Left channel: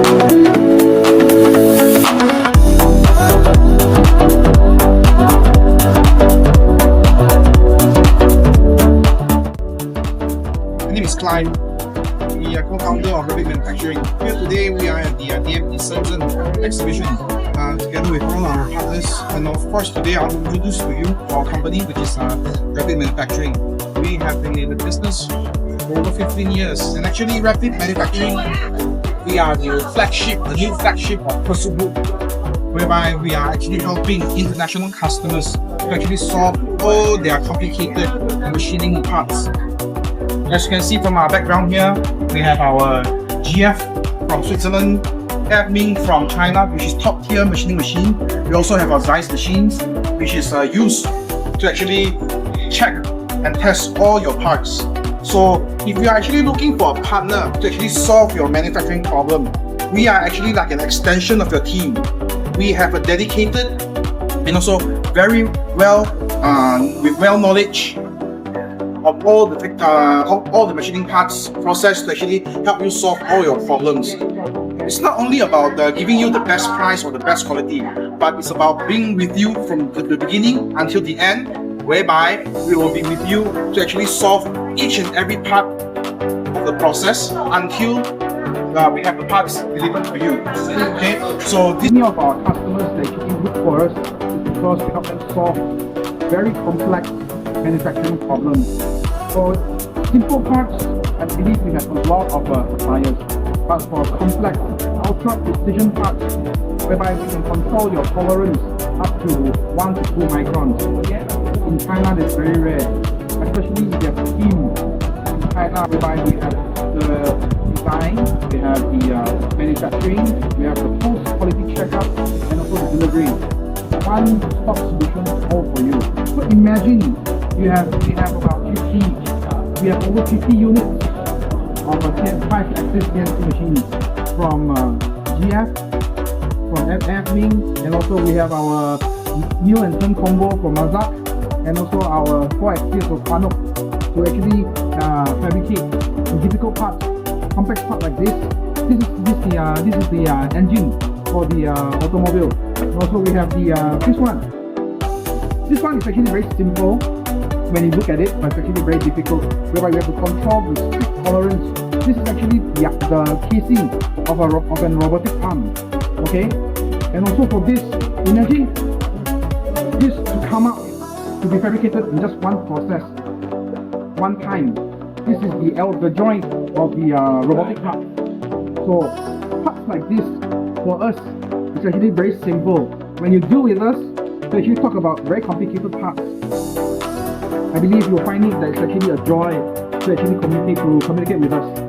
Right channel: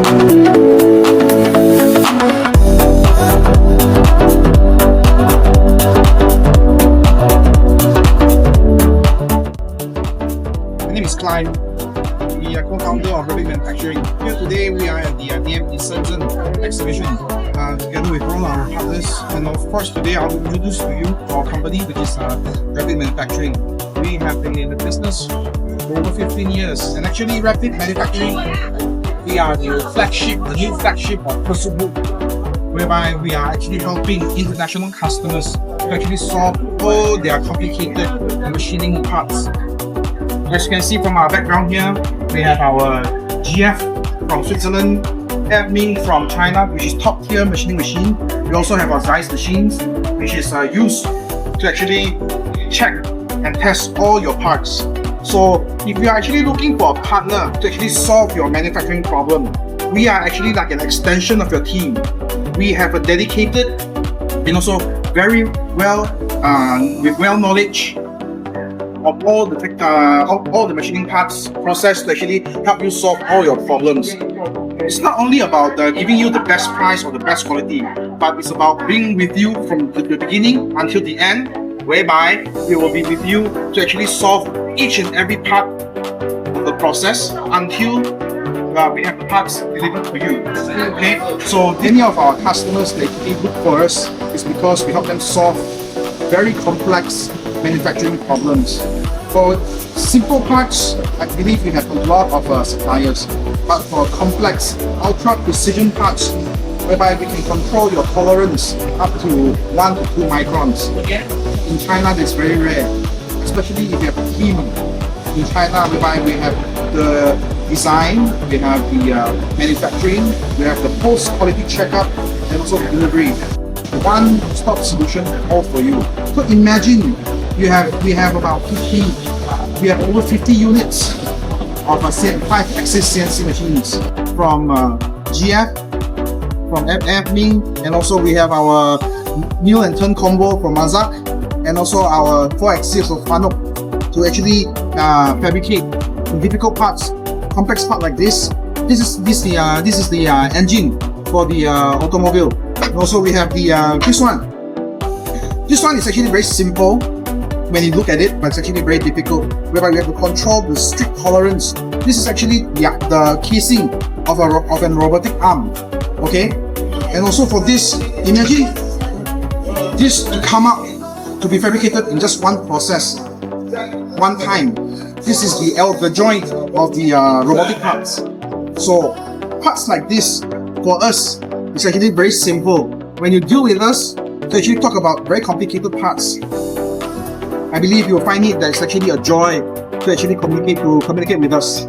My name is Clive, the co-founder of RAPMAF Manufacturing. Here today we are at the DMP Shenzhen exhibition together with all our partners, and of course today I will introduce to you our company, which is RAPMAF Manufacturing. We have been in the business for over 15 years, and actually RAPMAF Manufacturing, we are the new flagship of Pursuit Group, whereby we are actually helping international customers to actually solve all their complicated machining parts. As you can see from our background here, we have our GF from Switzerland, FMing from China, which is top tier machining machine. We also have our Zeiss machines, which is used to actually check and test all your parts. So if you are actually looking for a partner to actually solve your manufacturing problem, we are actually like an extension of your team. We have a dedicated and also very well with knowledge of all the machining parts process to actually help you solve all your problems. It's not only about giving you the best price or the best quality, but it's about being with you from the beginning until the end, whereby we will be with you to actually solve each and every part of the process until we have the parts delivered to you. Okay, so many of our customers that actually look for us is because we help them solve very complex manufacturing problems. For simple parts, I believe we have a lot of suppliers, but for complex, ultra precision parts, whereby we can control your tolerance up to 1 to 2 microns. In China, that's very rare, especially if you have a team in China, whereby we have the design, we have the manufacturing, we have the post-quality checkup, and also the delivery. One-stop solution all for you. So imagine we have about 50, we have over 50 units of 5-axis CNC machines from GF, from FMing, and also we have our mill and turn combo from Mazak, and also our 4-axis of Fanuc to actually fabricate difficult parts, complex part like this. This is the engine for the automobile. And also we have the this one. This one is actually very simple when you look at it, but it's actually very difficult, whereby we have to control the strict tolerance. This is actually the casing of an robotic arm. Okay, and also for this, imagine this to come out to be fabricated in just one process, one time. This is the joint of the robotic parts. So parts like this for us is actually very simple. When you deal with us to actually talk about very complicated parts, I believe you'll find it that it's actually a joy to actually communicate with us.